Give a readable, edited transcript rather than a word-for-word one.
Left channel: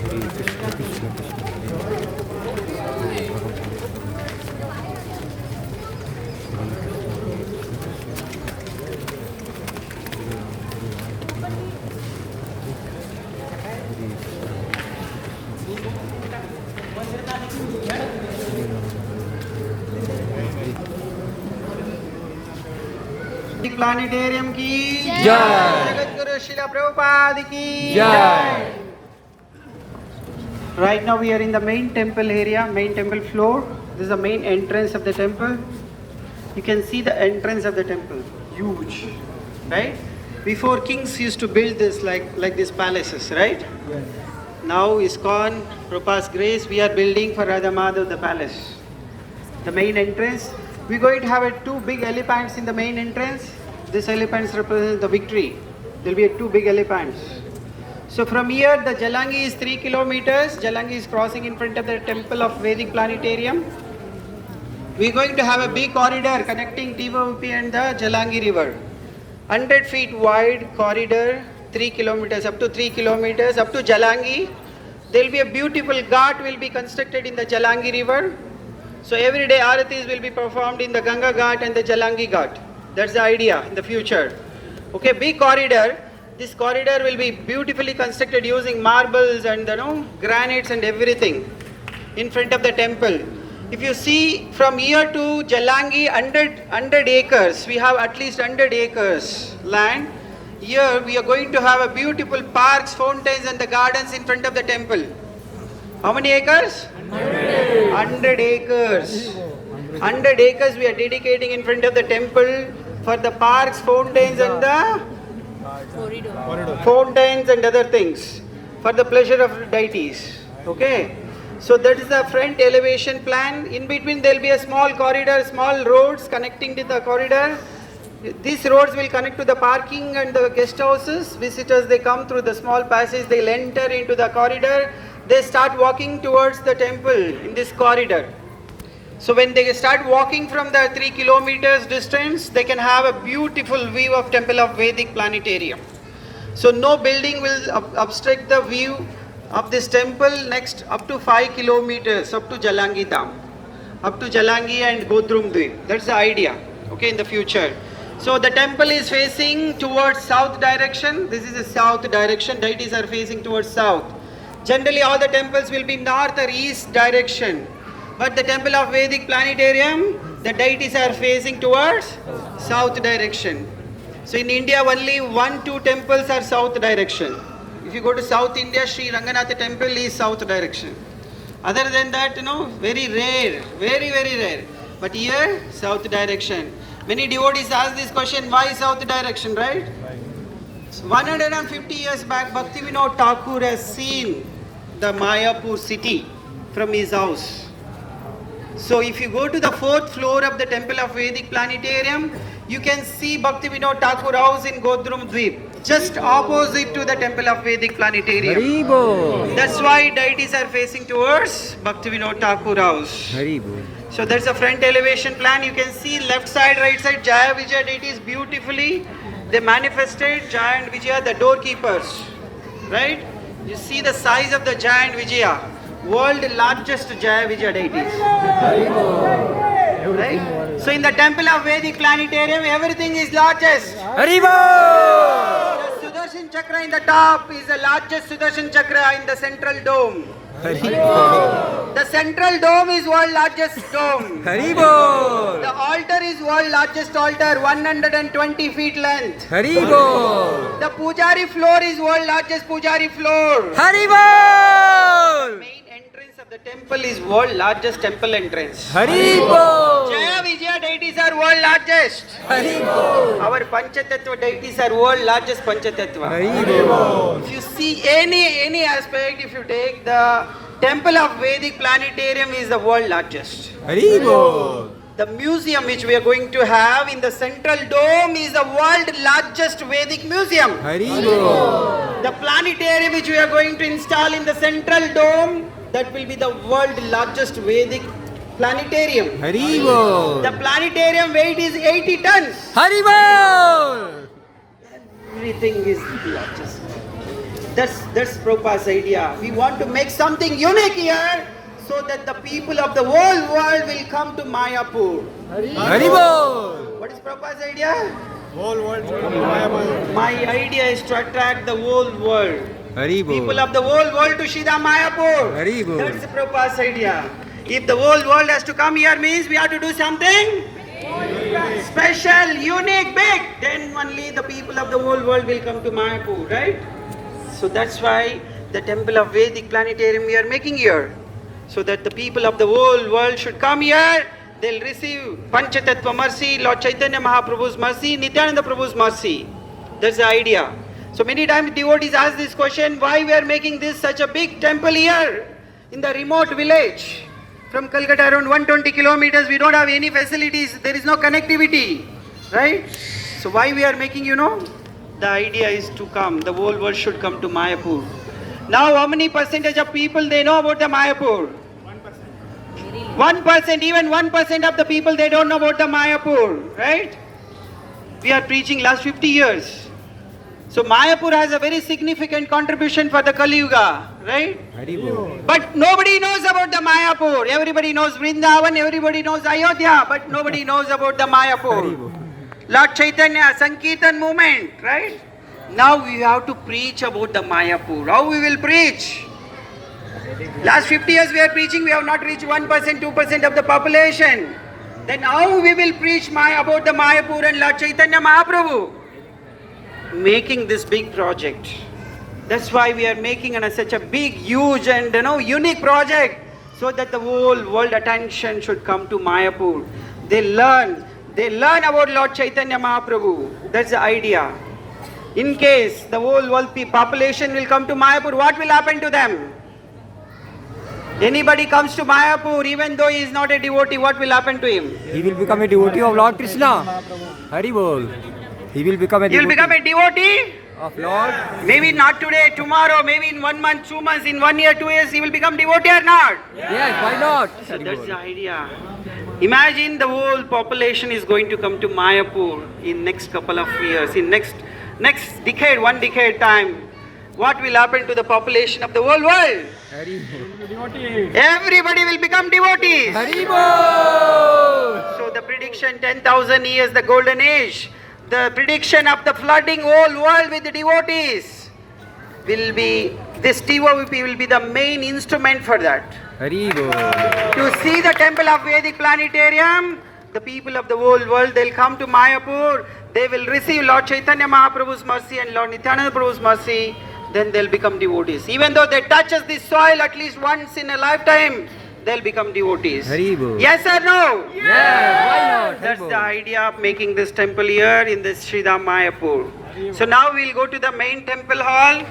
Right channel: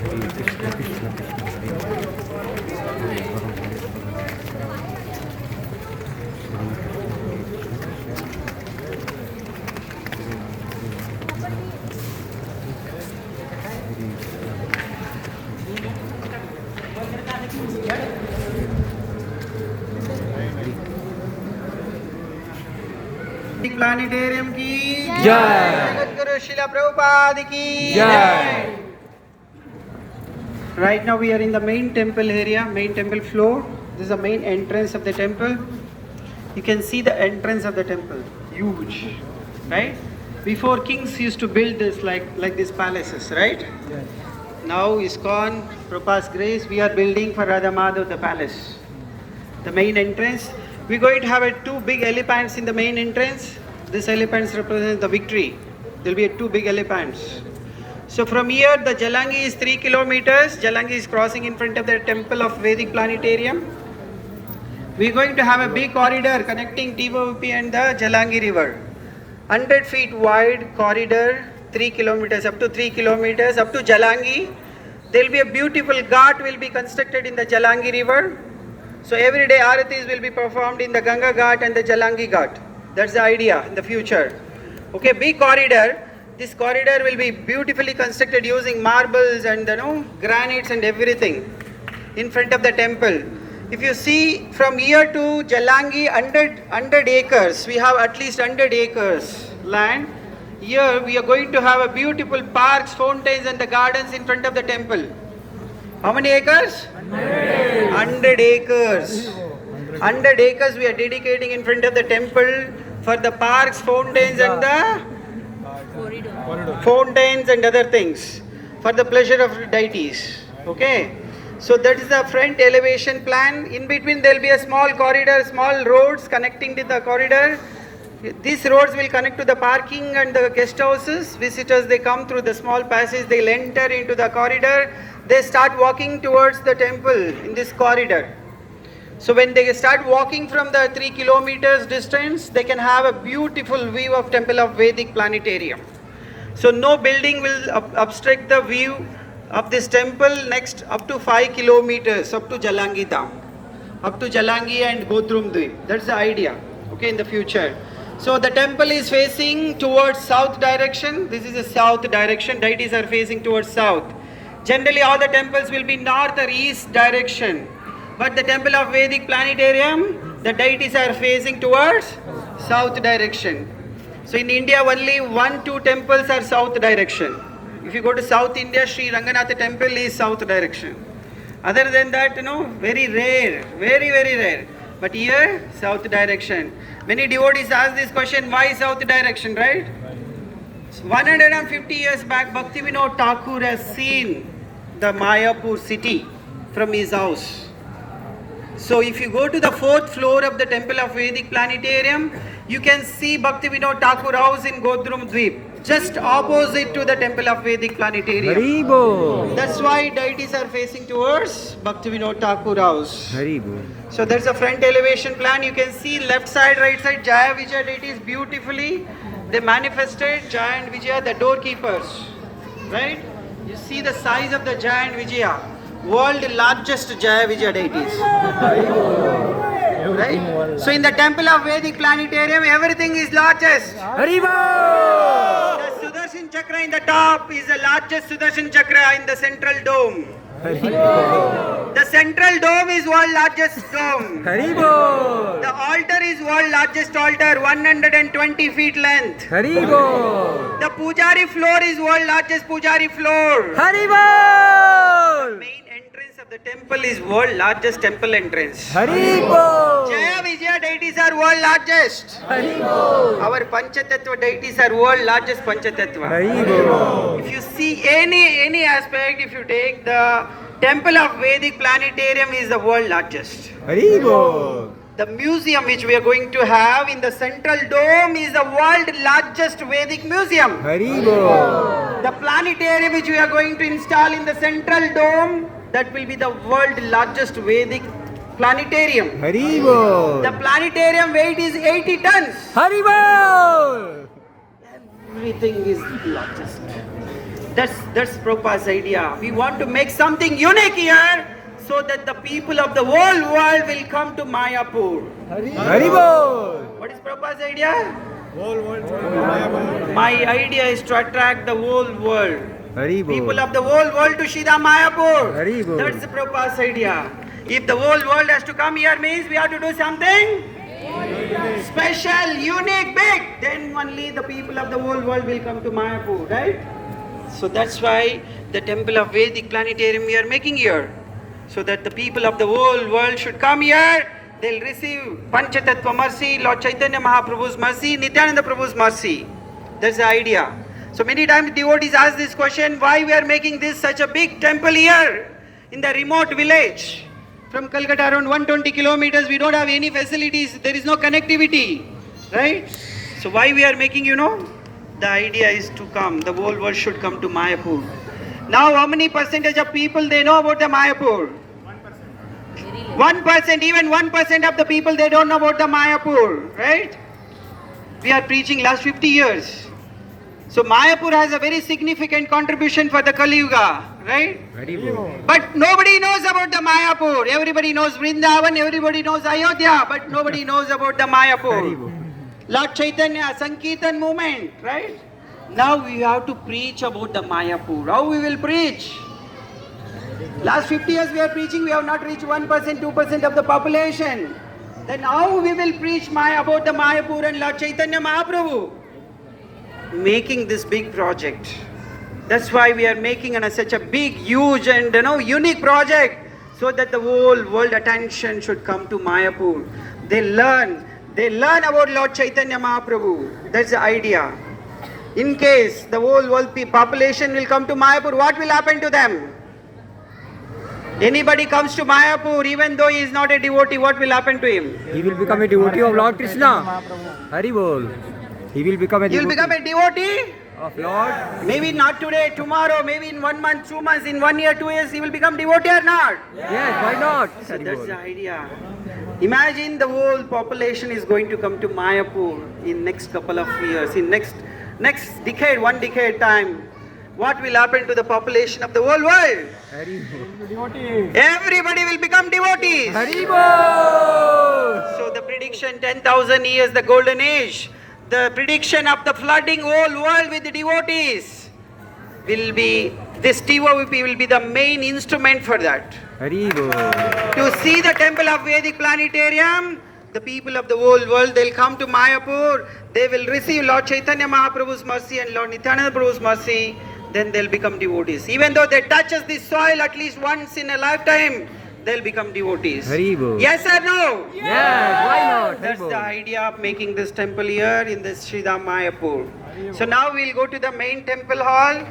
Hare Krishna, Krishna Krishna, Hare Hare, Hare Ram, Hare Ram, Hare Krishna, Krishna Krishna, Hare Ram, Hare Ram, Hare Ram, Hare Krishna, Krishna planetarium की जय। सद्गुरु शिला प्रभुपाद की जय। Right now we are in the main temple area, main temple floor. This is the main entrance of the temple. You can see the entrance of the temple, huge, right? Before kings used to build this like these palaces, right? Yes. Now ISKCON, Prabhupada's grace, we are building for Radha Madhav the palace. The main entrance. We're going to have two big elephants in the main entrance. These elephants represent the victory. There will be two big elephants. So from here, the Jalangi is 3 kilometers. Jalangi is crossing in front of the temple of Vedic Planetarium. We're going to have a big corridor connecting Tovp and the Jalangi river. 100 feet wide corridor, 3 kilometers, up to 3 kilometers, up to Jalangi. There will be a beautiful ghat will be constructed in the Jalangi river. So every day Aratis will be performed in the Ganga Ghat and the Jalangi Ghat. That's the idea in the future. Okay, big corridor. This corridor will be beautifully constructed using marbles and granites and everything in front of the temple. If you see from here to Jalangi, 100 acres. We have at least 100 acres land. Here we are going to have a beautiful parks, fountains and the gardens in front of the temple. How many acres? 100 acres. 100 acres we are dedicating in front of the temple for the parks, fountains and the fountains and other things for the pleasure of deities. Okay. So that is the front elevation plan. In between there will be a small corridor, small roads connecting to the corridor. These roads will connect to the parking and the guest houses. Visitors, they come through the small passage, they'll enter into the corridor. They start walking towards the temple in this corridor. So when they start walking from the 3 kilometers distance, they can have a beautiful view of Temple of Vedic Planetarium. So no building will obstruct the view of this temple next up to 5 kilometers, up to Jalangi Dham, up to Jalangi and Godrum Dweep. That's the idea, okay, in the future. So the temple is facing towards south direction. This is the south direction. Deities are facing towards south. Generally all the temples will be north or east direction. But the temple of Vedic Planetarium, the deities are facing towards south direction. So in India only 1-2 temples are south direction. If you go to South India, Sri Ranganatha temple is south direction. Other than that, very rare, very rare. But here, south direction. Many devotees ask this question, why south direction, right? 150 years back, Bhaktivinoda Thakur has seen the Mayapur city from his house. So if you go to the 4th floor of the Temple of Vedic Planetarium, you can see Bhaktivinoda Thakur house in Godrum Dweep, just opposite to the Temple of Vedic Planetarium. Haribo. That's why deities are facing towards Bhaktivinoda Thakur house. Haribo. So that's a front elevation plan. You can see left side, right side, Jaya Vijaya deities beautifully. They manifested Jaya and Vijaya, the doorkeepers. Right? You see the size of the Jaya and Vijaya. World largest Jaya Vijaya deities. Right? So in the temple of Vedic Planetarium, everything is largest. Haribo. The Sudarshan Chakra in the top is the largest Sudarshan Chakra in the central dome. Haribo. The central dome is world largest dome. Haribo. The altar is world largest altar, 120 feet length. Haribo. The Pujari floor is world largest Pujari floor. Haribo. Main entrance of the temple is world largest temple entrance. Haribo. Jaya Vijaya deities are world largest. Haribo. Our Panchatattva deities are world largest Panchatattva. Haribo. If you see any aspect, if you take the Temple of Vedic Planetarium is the world largest. Haribo. The museum which we are going to have in the central dome is the world largest Vedic museum. Haribo. The planetarium which we are going to install in the central dome, that will be the world largest Vedic planetarium. Haribo. The planetarium weight is 80 tons. Haribo. Everything is largest. That's Prabhupada's idea. We want to make something unique here so that the people of the whole world will come to Mayapur. Haribol! What is Prabhupada's idea? Whole world to Mayapur. My idea is to attract the whole world. Haribol! People of the whole world to Shida Mayapur. Haribol! That's Prabhupada's idea. If the whole world has to come here means we have to do something special, unique, big. Then only the people of the whole world will come to Mayapur, right? So that's why the temple of Vedic planetarium we are making here. So that the people of the whole world should come here. They'll receive Panchatattva mercy, Lord Chaitanya Mahaprabhu's mercy, Nityananda Prabhu's mercy. That's the idea. So many times devotees ask this question, why we are making this such a big temple here in the remote village? From Calcutta around 120 kilometers, we don't have any facilities, there is no connectivity, right? So why we are making, the idea is to come, the whole world should come to Mayapur. Now how many percentage of people they know about the Mayapur? 1%, even 1% of the people they don't know about the Mayapur, right? We are preaching last 50 years. So Mayapur has a very significant contribution for the Kali Yuga, right? Haribol! But nobody knows about the Mayapur. Everybody knows Vrindavan, everybody knows Ayodhya, but nobody knows about the Mayapur. Haribol! Lord Chaitanya, Sankirtan movement, right? Now we have to preach about the Mayapur. How we will preach? Last 50 years we are preaching, we have not reached 1%, 2% of the population. Then how we will preach about the Mayapur and Lord Chaitanya Mahaprabhu? Making this big project. That's why we are making such a big, huge and unique project so that the whole world attention should come to Mayapur. They learn about Lord Chaitanya Mahaprabhu. That's the idea. In case the whole world population will come to Mayapur, what will happen to them? Anybody comes to Mayapur, even though he is not a devotee, what will happen to him? He will become a devotee of Lord Krishna. Haribol! He will become a He will devotee become a devotee? of Lord. Maybe not today, tomorrow, maybe in 1 month, 2 months, in 1 year, 2 years, he will become devotee or not? Yes, why not? So that's the Haribol! idea. Imagine the whole population is going to come to Mayapur in next couple of years, in next decade, 1 decade time. What will happen to the population of the whole world? Haribol! Everybody will become devotees. Haribol! So the prediction 10,000 years, the golden age. The prediction of the flooding whole world with the devotees will be, this Tovp will be the main instrument for that. Haribol! To see the temple of Vedic planetarium, the people of the whole world, they'll come to Mayapur, they will receive Lord Chaitanya Mahaprabhu's mercy and Lord Nityananda Prabhu's mercy, then they'll become devotees. Even though they touch this soil at least once in a lifetime, they'll become devotees. Haribol! Yes or no? Yes, why not? That's the Haribol! idea of making this temple here in this Sridham Mayapur. So now we'll go to the main temple hall.